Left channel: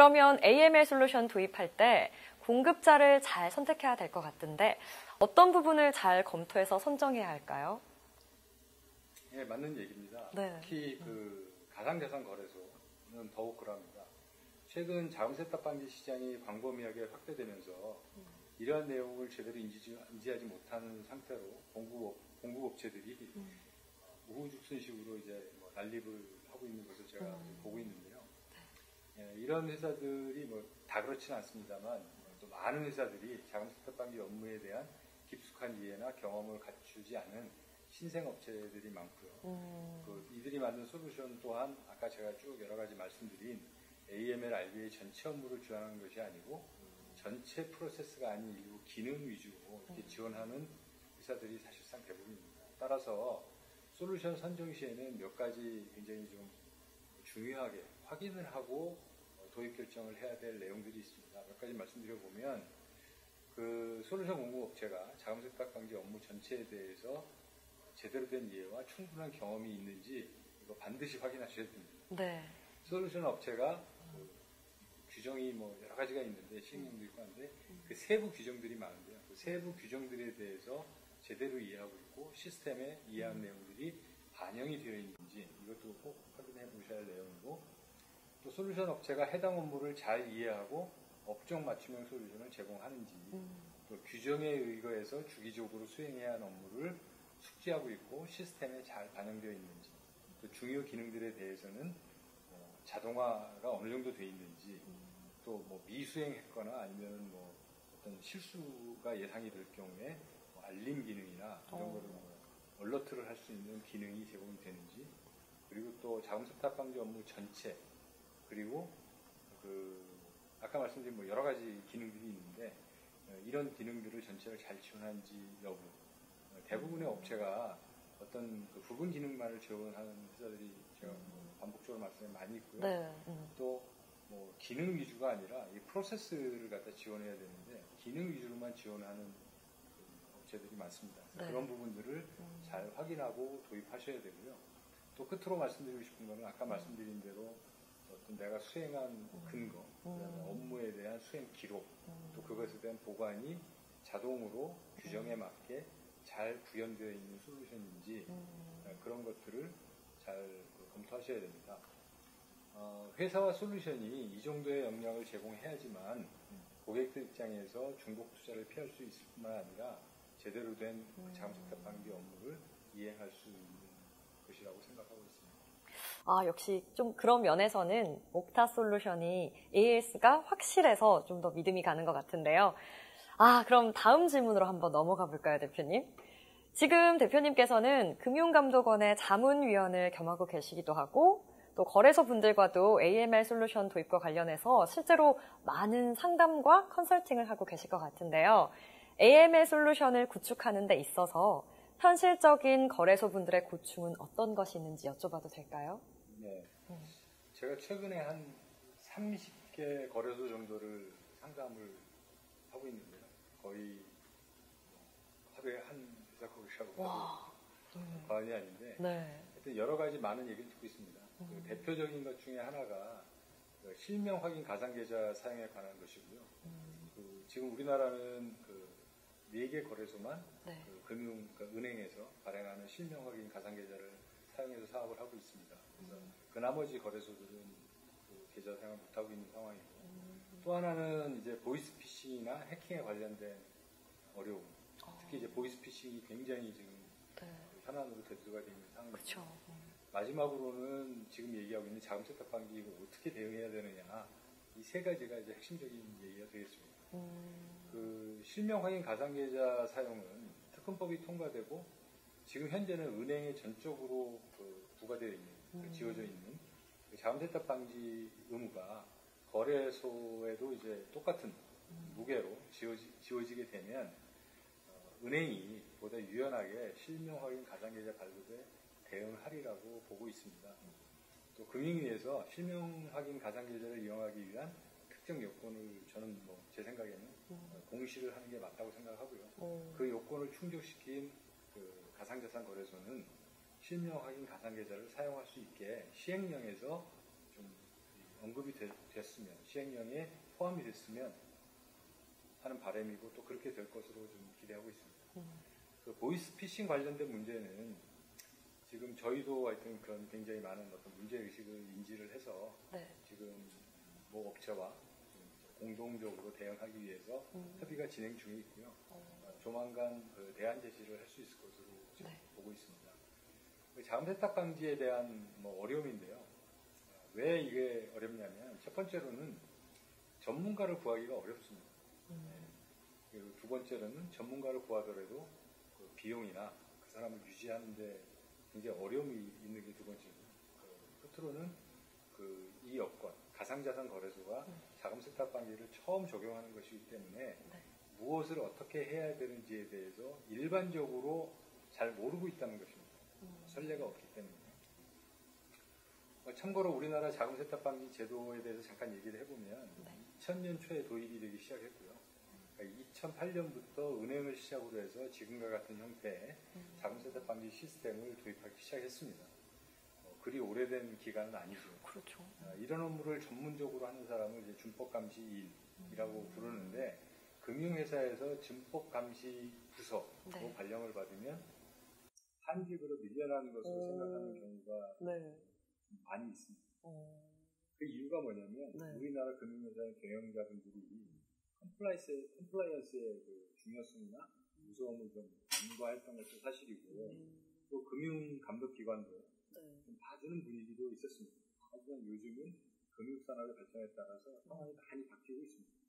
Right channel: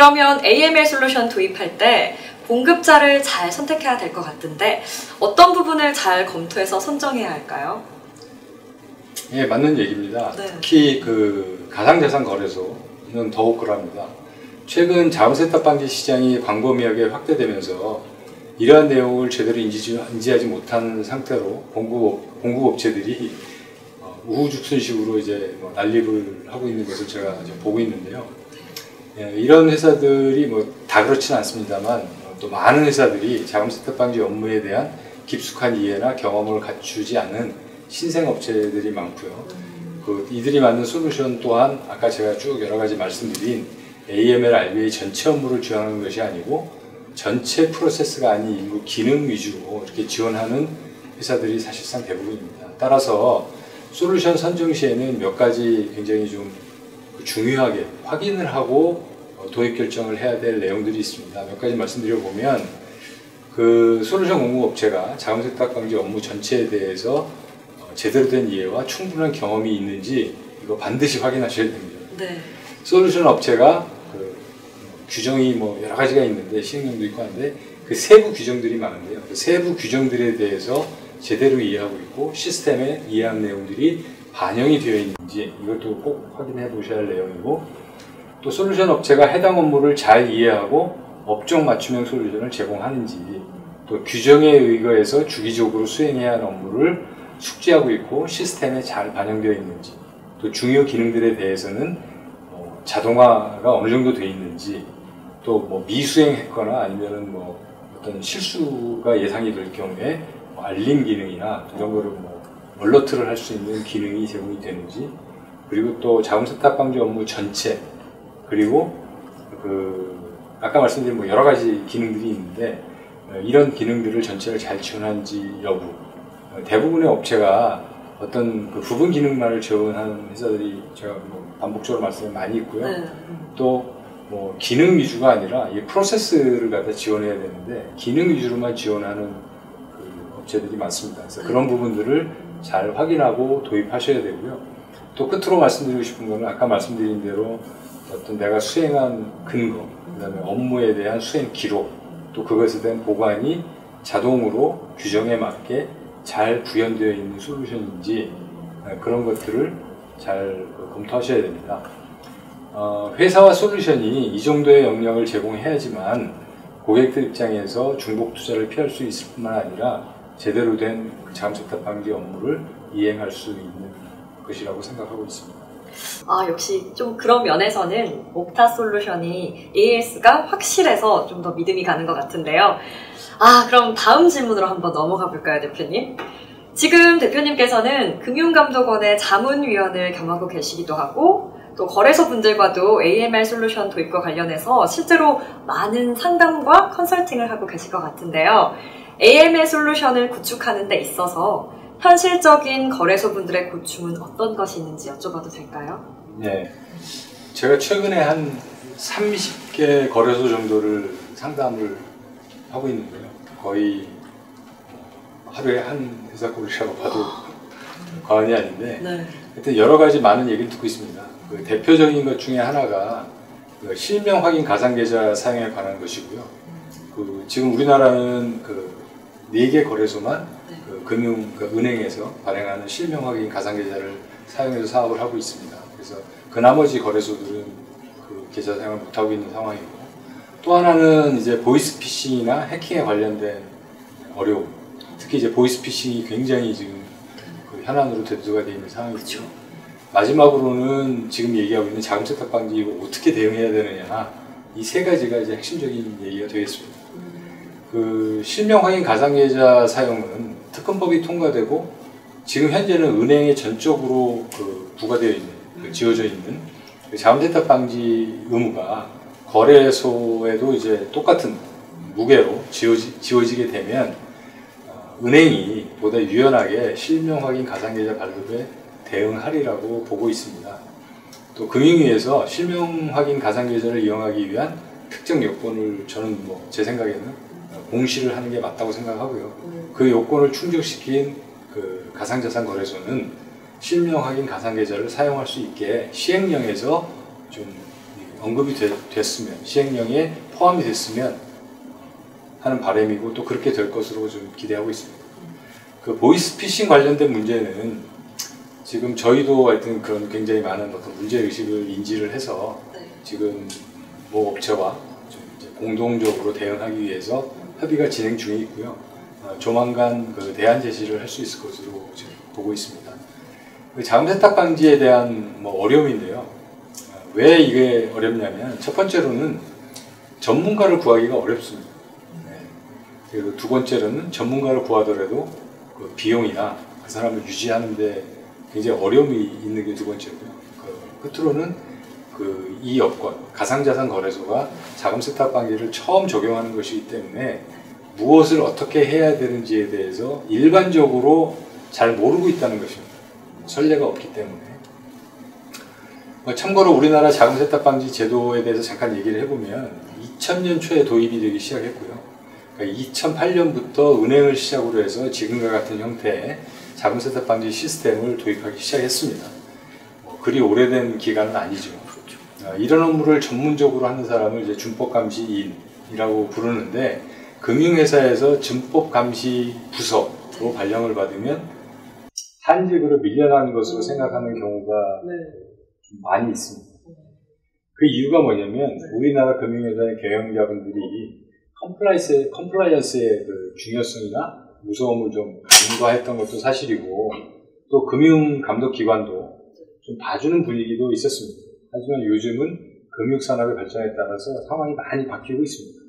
그러면 AML 솔루션 도입할 때 공급자를 잘 선택해야 될 것 같은데 어떤 부분을 잘 검토해서 선정해야 할까요? 예, 맞는 얘기입니다. 네. 특히 그 가상자산 거래소는 더욱 그럽니다. 최근 자금세탁 방지 시장이 광범위하게 확대되면서 이러한 내용을 제대로 인지하지 못한 상태로 공급업체들이 우후죽순식으로 이제 난립을 하고 있는 것을 제가 이제 보고 있는데요. 예, 이런 회사들이 다 그렇지는 않습니다만 또 많은 회사들이 자금세탁 방지 업무에 대한 깊숙한 이해나 경험을 갖추지 않은 신생업체들이 많고요. 이들이 만든 솔루션 또한 아까 제가 쭉 여러 가지 말씀드린 AML, RBA 전체 업무를 지원하는 것이 아니고 전체 프로세스가 아닌 일부 기능 위주로 이렇게 지원하는 회사들이 사실상 대부분입니다. 따라서 솔루션 선정 시에는 몇 가지 굉장히 좀 중요하게 확인을 하고 도입 결정을 해야 될 내용들이 있습니다. 몇 가지 말씀드려보면 그 솔루션 공급업체가 자금세탁 방지 업무 전체에 대해서 제대로 된 이해와 충분한 경험이 있는지 이거 반드시 확인하셔야 됩니다. 네. 솔루션 업체가 그 규정이 여러 가지가 있는데 시행령도 있고 하는데 그 세부 규정들이 많은데요. 그 세부 규정들에 대해서 제대로 이해하고 있고 시스템에 이해한 내용들이 반영이 되어 있는지 이것도 꼭 확인해 보셔야 할 내용이고, 또 솔루션 업체가 해당 업무를 잘 이해하고 업종 맞춤형 솔루션을 제공하는지, 또 규정에 의거해서 주기적으로 수행해야 하는 업무를 숙지하고 있고 시스템에 잘 반영되어 있는지, 또 중요 기능들에 대해서는 자동화가 어느 정도 되어 있는지, 또 미수행했거나 아니면은 어떤 실수가 예상이 될 경우에 알림 기능이나 이런 거를 얼러트를 할 수 있는 기능이 제공이 되는지, 그리고 또 자금세탁 방지 업무 전체, 그리고 아까 말씀드린 여러 가지 기능들이 있는데 이런 기능들을 전체를 잘 지원하는지 여부. 대부분의 업체가 어떤 그 부분 기능만을 지원하는 회사들이 제가 반복적으로 말씀이 많이 있고요. 네. 또 기능 위주가 아니라 이 프로세스를 갖다 지원해야 되는데 기능 위주로만 지원하는 그 업체들이 많습니다. 그래서 그런 부분들을 잘 확인하고 도입하셔야 되고요. 또 끝으로 말씀드리고 싶은 거는 아까 말씀드린 대로 어떤 내가 수행한 근거, 그 다음에 업무에 대한 수행 기록, 또 그것에 대한 보관이 자동으로 규정에 맞게 잘 구현되어 있는 솔루션인지 그런 것들을 잘 검토하셔야 됩니다. 회사와 솔루션이 이 정도의 역량을 제공해야지만 고객들 입장에서 중복 투자를 피할 수 있을 뿐만 아니라 제대로 된 자금세탁 방지 업무를 이행할 수 있는 것이라고 생각하고 있습니다. 역시 좀 그런 면에서는 옥타 솔루션이 AS가 확실해서 좀 더 믿음이 가는 것 같은데요. 그럼 다음 질문으로 한번 넘어가 볼까요, 대표님? 지금 대표님께서는 금융감독원의 자문위원을 겸하고 계시기도 하고 또 거래소 분들과도 AML 솔루션 도입과 관련해서 실제로 많은 상담과 컨설팅을 하고 계실 것 같은데요. AML 솔루션을 구축하는 데 있어서 현실적인 거래소 분들의 고충은 어떤 것이 있는지 여쭤봐도 될까요? 네, 제가 최근에 한 30개 거래소 정도를 상담을 하고 있는데요. 거의 하루에 한 회사 꼴이라고 봐도 과언이 아닌데, 네. 하여튼 여러 가지 많은 얘기를 듣고 있습니다. 그 대표적인 것 중에 하나가 그 실명 확인 가상 계좌 사용에 관한 것이고요. 지금 우리나라는 4개 거래소만 은행에서 발행하는 실명 확인 가상 계좌를 사용해서 사업을 하고 있습니다. 그래서 그 나머지 거래소들은 그 계좌 사용을 못 하고 있는 상황이고, 또 하나는 이제 보이스피싱이나 해킹에 관련된 어려움. 특히 이제 보이스피싱이 굉장히 지금 현안으로 대두가 되어 있는 상황이죠. 마지막으로는 지금 얘기하고 있는 자금세탁 방지 이거 어떻게 대응해야 되느냐, 이 세 가지가 이제 핵심적인 얘기가 되겠습니다. 실명 확인 가상 계좌 사용은 특검법이 통과되고 지금 현재는 은행에 전적으로 부과되어 있는, 지어져 있는 자금세탁 방지 의무가 거래소에도 이제 똑같은 무게로 지워지게 되면 은행이 보다 유연하게 실명 확인 가상 계좌 발급에 대응하리라고 보고 있습니다. 또 금융위에서 실명 확인 가상 계좌를 이용하기 위한 특정 요건을 저는 제 생각에는 공시를 하는 게 맞다고 생각하고요. 그 요건을 충족시킨 가상자산 거래소는 실명 확인 가상 계좌를 사용할 수 있게 시행령에서 좀 언급이 됐으면, 시행령에 포함이 됐으면 하는 바람이고 또 그렇게 될 것으로 좀 기대하고 있습니다. 그 보이스피싱 관련된 문제는 지금 저희도 하여튼 그런 굉장히 많은 어떤 문제의식을 인지를 해서 지금 모 업체와 좀 이제 공동적으로 대응하기 위해서 협의가 진행 중에 있고요. 조만간 그 대안 제시를 할 수 있을 것으로 지금 보고 있습니다. 자금 세탁 방지에 대한 뭐 어려움인데요. 왜 이게 어렵냐면 첫 번째로는 전문가를 구하기가 어렵습니다. 그리고 두 번째로는 전문가를 구하더라도 그 비용이나 그 사람을 유지하는데 굉장히 어려움이 있는 게 두 번째고요. 끝으로는 이 여건, 가상자산 거래소가 자금 세탁 방지를 처음 적용하는 것이기 때문에 무엇을 어떻게 해야 되는지에 대해서 일반적으로 잘 모르고 있다는 것입니다. 선례가 없기 때문에. 참고로 우리나라 자금 세탁 방지 제도에 대해서 잠깐 얘기를 해보면 2000년 초에 도입이 되기 시작했고요. 그러니까 2008년부터 은행을 시작으로 해서 지금과 같은 형태의 자금 세탁 방지 시스템을 도입하기 시작했습니다. 그리 오래된 기간은 아니죠. 이런 업무를 전문적으로 하는 사람을 이제 준법감시인이라고 부르는데 금융회사에서 준법감시 부서로 발령을 받으면 한직으로 밀려나는 것으로 생각하는 경우가 많이 있습니다. 그 이유가 뭐냐면 우리나라 금융회사의 경영자분들이 컴플라이언스의 그 중요성이나 무서움을 좀 간과했던 것도 사실이고 또 금융감독기관도 좀 봐주는 분위기도 있었습니다. 하지만 요즘은 금융산업의 발전에 따라서 상황이 많이 바뀌고 있습니다.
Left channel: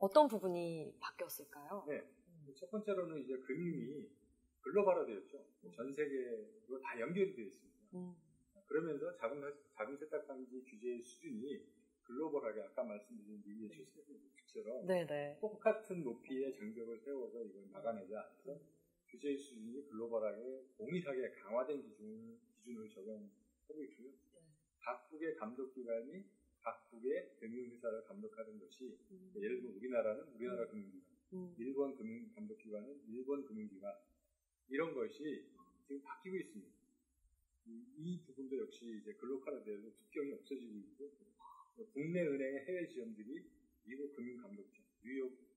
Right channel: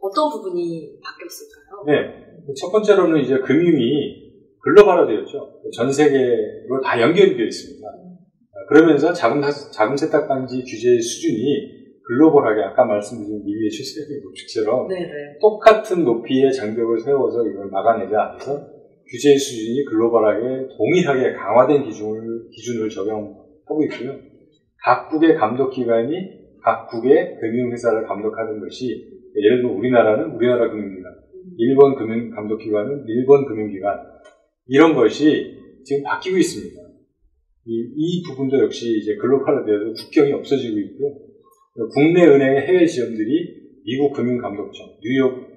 어떤 부분이 바뀌었을까요? 네, 첫 번째로는 이제 금융이 글로벌화되었죠. 전 세계로 다 연결이 되어 있습니다. 그러면서 자금 세탁 방지 규제의 수준이 글로벌하게 아까 말씀드린 미비의 출세의 법칙처럼 똑같은 높이의 장벽을 세워서 이걸 막아내자 해서 규제의 수준이 글로벌하게 동일하게 강화된 기준을 적용하고 있고요. 각국의 감독기관이 각국의 금융회사를 감독하는 것이 예를 들어 우리나라는 우리나라 금융기관, 일본 금융감독기관은 일본 금융기관 이런 것이 지금 바뀌고 있습니다. 이 부분도 역시 이제 글로벌화되어서 국경이 없어지고 있고요. 국내 은행의 해외 지점들이 미국 금융감독청, 뉴욕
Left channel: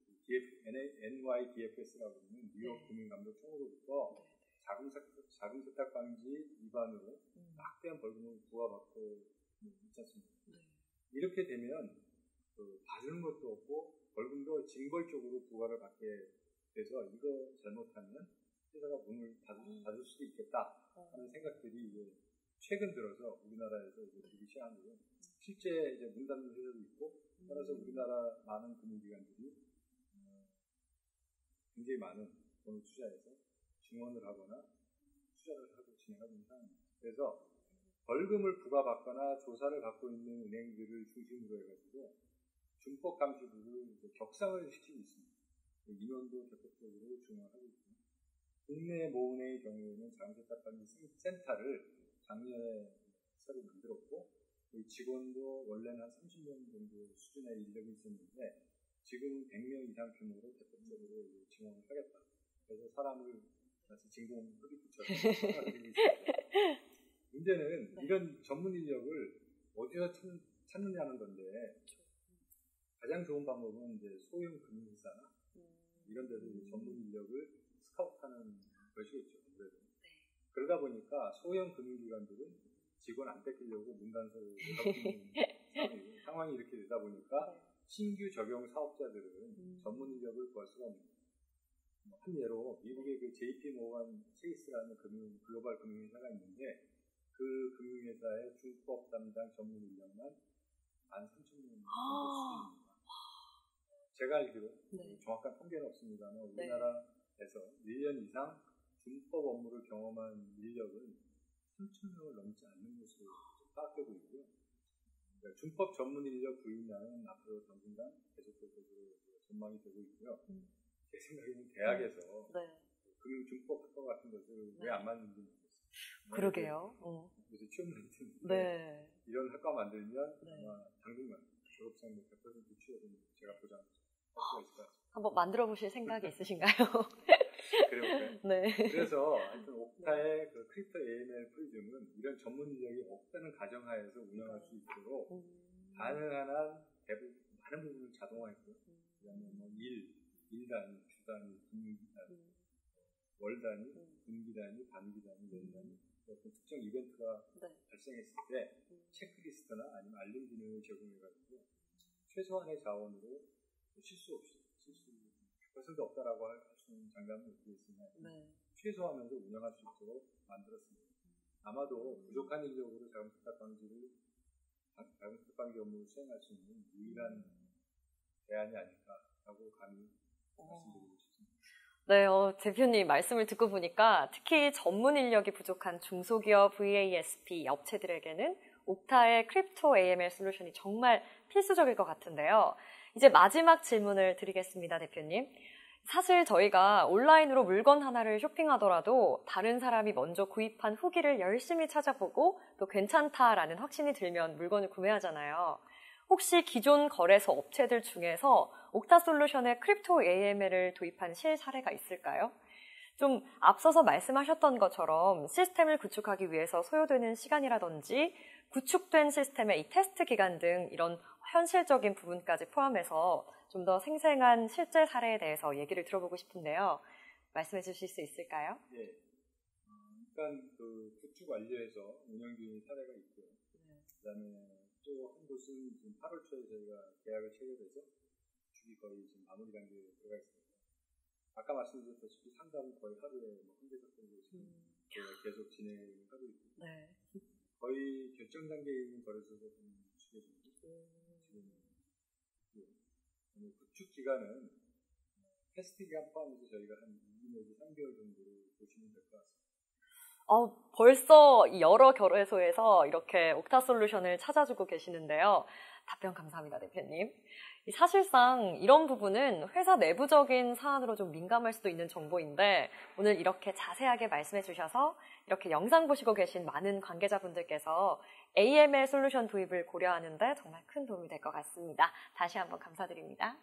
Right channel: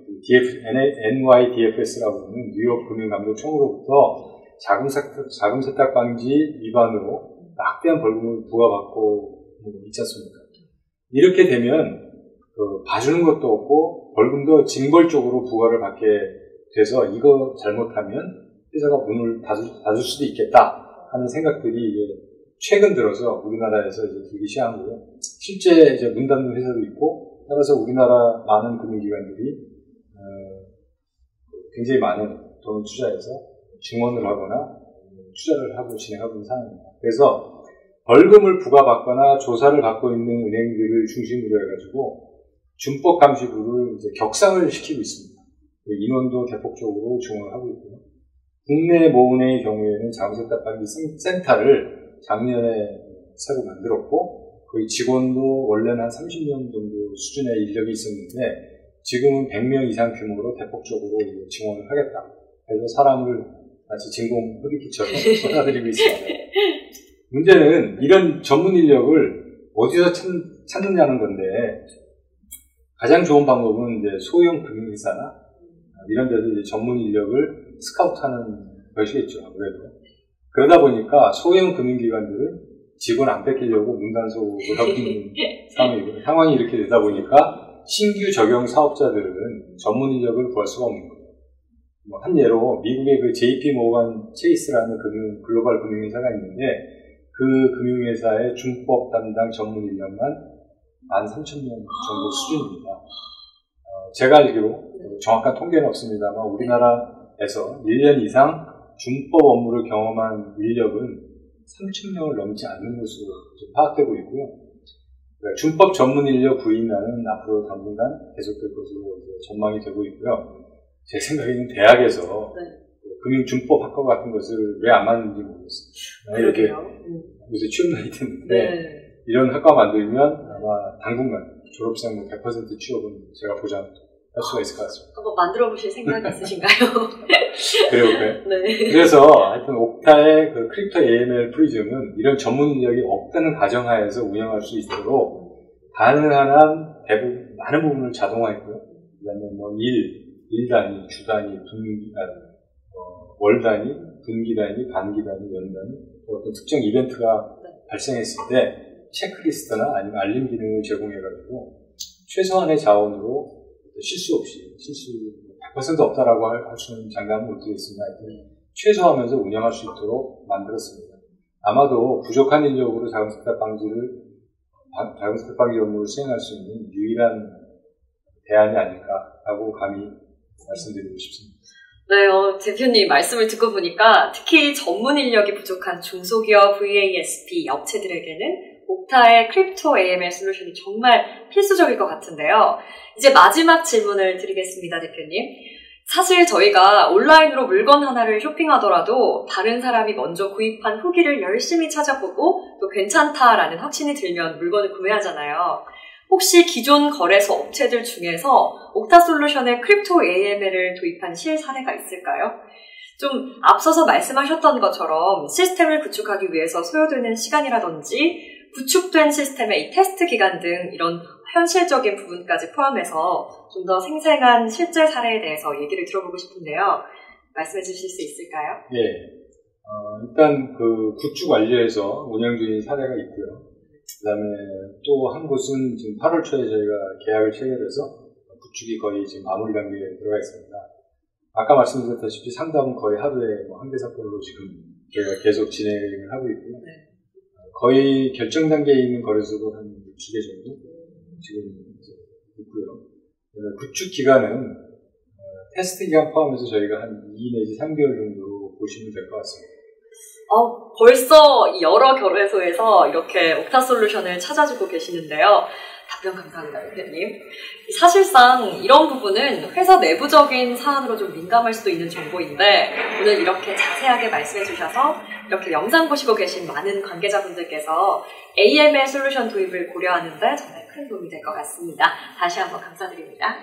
NYDFS라고 하는 뉴욕 금융감독청으로부터 자금 세탁 방지 위반으로 막대한 벌금을 부과받고 있지 않습니까? 이렇게 되면 봐주는 것도 없고 벌금도 징벌적으로 부과를 받게 돼서 이거 잘못하면 회사가 문을 닫을 수도 있겠다 하는 생각들이 이제 최근 들어서 우리나라에서 이제 들기 시작한 거고요. 실제 이제 문 닫는 회사도 있고 따라서 우리나라 많은 금융기관들이 굉장히 많은 돈을 투자해서 증원을 하거나 투자를 하고 진행하고 있는 상황입니다. 그래서 벌금을 부과받거나 조사를 받고 있는 은행들을 중심으로 해가지고 준법감시부를 이제 격상을 시키고 있습니다. 인원도 대폭적으로 증원을 하고 있고요. 국내 모은행의 경우에는 자금 세탁 방지 센터를 작년에 새로 만들었고 거의 직원도 원래는 한 30명 정도 수준의 인력이 있었는데 지금은 100명 이상 규모로 대폭적으로 증원을 하겠다. 그래서 사람을 마치 진공 흡입기처럼 쏟아들이고 있습니다. 문제는 이런 전문 인력을 어디서 찾느냐는 건데 가장 좋은 방법은 이제 소형 금융회사나 이런 데서 이제 전문 인력을 스카우트하는 것이겠죠. 아무래도 그러다 보니까 소형 금융기관들은 직원 안 뺏기려고 문단속을 하고 있는 상황이 이렇게 되다 보니까 신규 적용 사업자들은 전문 인력을 구할 수가 없는 거예요. 한 예로 미국의 그 JP 모건 체이스라는 글로벌 금융회사가 있는데 그 금융회사의 준법 담당 전문 인력만 13,000명 정도 수준입니다. 제가 알기로 정확한 통계는 없습니다만 우리나라에서 1년 이상 준법 업무를 경험한 인력은 3,000명을 넘지 않는 것으로 파악되고 있고요. 그러니까 준법 전문 인력 구인난은 앞으로 당분간 계속될 것으로 전망이 되고 있고요. 제 생각에는 대학에서 금융준법 학과 같은 것을 왜 안 만드는지 모르겠어요. 이렇게 요새 취업 나이 됐는데 이런 학과 만들면 아마 당분간 졸업생 100% 취업은 제가 보장할 수가 있을 것 같습니다. 한번 만들어 보실 생각이 있으신가요? 그래볼까요? 네. 그래서 하여튼 옥타의 그 크립토 AML 프리즘은 이런 전문 인력이 없다는 가정하에서 운영할 수 있도록 가능한 한 대부분 많은 부분을 자동화했고요. 그다음에 뭐 일 단위, 주 단위, 월 단위, 분기 단위, 반기 단위, 연 단위 어떤 특정 이벤트가 발생했을 때 체크리스트나 아니면 알림 기능을 제공해가지고 최소한의 자원으로 실수 없이 100% 없다라고 할 수는 장담은 못 드리겠습니다. 최소화하면서 운영할 수 있도록 만들었습니다. 아마도 부족한 인력으로 자금 세탁 방지 업무를 수행할 수 있는 유일한 대안이 아닐까라고 감히 말씀드리고 싶습니다. 네, 대표님 말씀을 듣고 보니까 특히 전문 인력이 부족한 중소기업 VASP 업체들에게는 옥타의 크립토 AML 솔루션이 정말 필수적일 것 같은데요. 이제 마지막 질문을 드리겠습니다, 대표님. 사실 저희가 온라인으로 물건 하나를 쇼핑하더라도 다른 사람이 먼저 구입한 후기를 열심히 찾아보고 또 괜찮다라는 확신이 들면 물건을 구매하잖아요. 혹시 기존 거래소 업체들 중에서 옥타솔루션의 크립토 AML을 도입한 실사례가 있을까요? 좀 앞서서 말씀하셨던 것처럼 시스템을 구축하기 위해서 소요되는 시간이라든지 구축된 시스템의 이 테스트 기간 등 이런 현실적인 부분까지 포함해서 좀 더 생생한 실제 사례에 대해서 얘기를 들어보고 싶은데요. 말씀해 주실 수 있을까요? 예. 일단 그 구축 완료해서 운영 중인 사례가 있고요. 그 다음에 또 한 곳은 지금 8월 초에 저희가 계약을 체결해서 구축이 거의 지금 마무리 단계에 들어가 있습니다. 아까 말씀드렸다시피 상담은 거의 하루에 뭐 1대 사건으로 지금 저희가 계속 진행을 하고 있고요. 네. 거의 결정 단계에 있는 거래소도 한 2개 정도 지금 있고요. 구축 기간은 테스트 기간 포함해서 저희가 한 2 내지 3개월 정도 보시면 될 것 같습니다. 벌써 여러 거래소에서 이렇게 옥타솔루션을 찾아주고 계시는데요. 답변 감사합니다, 대표님. 사실상 이런 부분은 회사 내부적인 사안으로 좀 민감할 수도 있는 정보인데 오늘 이렇게 자세하게 말씀해 주셔서 이렇게 영상 보시고 계신 많은 관계자분들께서 AML 솔루션 도입을 고려하는 데 정말 큰 도움이 될 것 같습니다. 다시 한번 감사드립니다.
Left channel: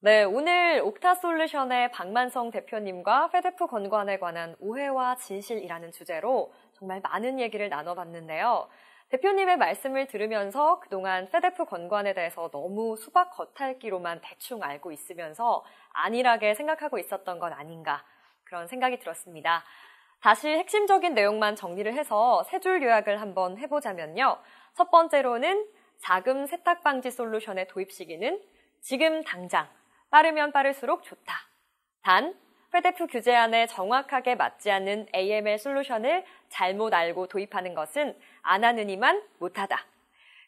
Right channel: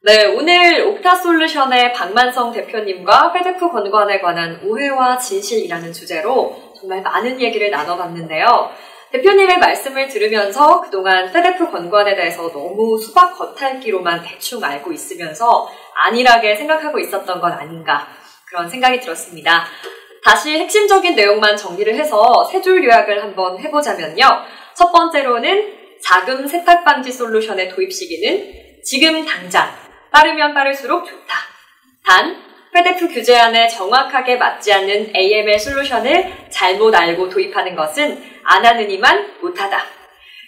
네, 오늘 옥타솔루션의 박만성 대표님과 페데프 건관에 관한 오해와 진실이라는 주제로 정말 많은 얘기를 나눠봤는데요. 대표님의 말씀을 들으면서 그동안 페데프 건관에 대해서 너무 수박 겉핥기로만 대충 알고 있으면서 안일하게 생각하고 있었던 건 아닌가 그런 생각이 들었습니다. 다시 핵심적인 내용만 정리를 해서 세 줄 요약을 한번 해보자면요. 첫 번째로는 자금 세탁 방지 솔루션의 도입 시기는 지금 당장 빠르면 빠를수록 좋다. 단, 페데프 규제안에 정확하게 맞지 않는 AML 솔루션을 잘못 알고 도입하는 것은 안 하느니만 못하다.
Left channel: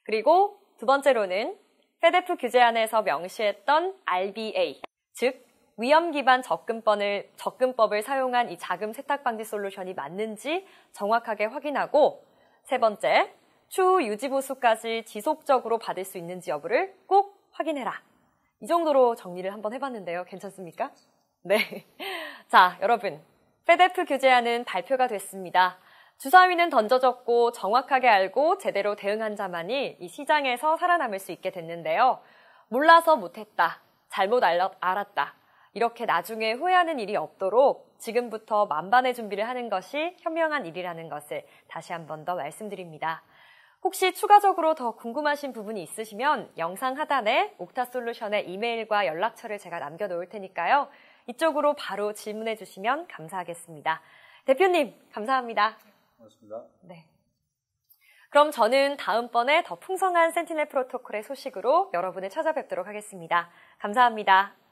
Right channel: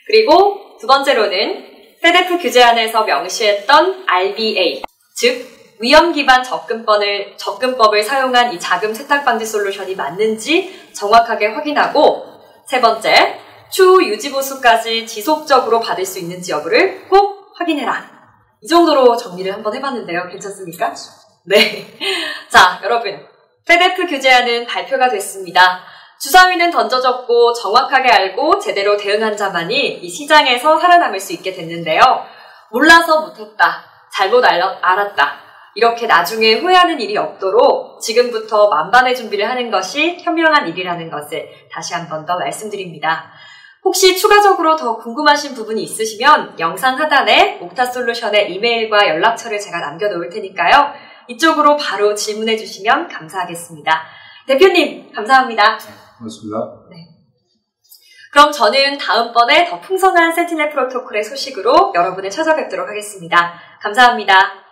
그리고 두 번째로는 페데프 규제안에서 명시했던 RBA, 즉 위험 기반 접근법을 사용한 이 자금 세탁 방지 솔루션이 맞는지 정확하게 확인하고 세 번째, 추후 유지 보수까지 지속적으로 받을 수 있는지 여부를 꼭 확인해라. 이 정도로 정리를 한번 해봤는데요. 괜찮습니까? 네. 자, 여러분. 페데프 규제안은 발표가 됐습니다. 주사위는 던져졌고 정확하게 알고 제대로 대응한 자만이 이 시장에서 살아남을 수 있게 됐는데요. 몰라서 못했다. 잘못 알았다. 이렇게 나중에 후회하는 일이 없도록 지금부터 만반의 준비를 하는 것이 현명한 일이라는 것을 다시 한 번 더 말씀드립니다. 혹시 추가적으로 더 궁금하신 부분이 있으시면 영상 하단에 옥타솔루션의 이메일과 연락처를 제가 남겨놓을 테니까요. 이쪽으로 바로 질문해 주시면 감사하겠습니다. 대표님, 감사합니다. 고맙습니다. 네. 그럼 저는 다음번에 더 풍성한 센티넬 프로토콜의 소식으로 여러분을 찾아뵙도록 하겠습니다. 감사합니다.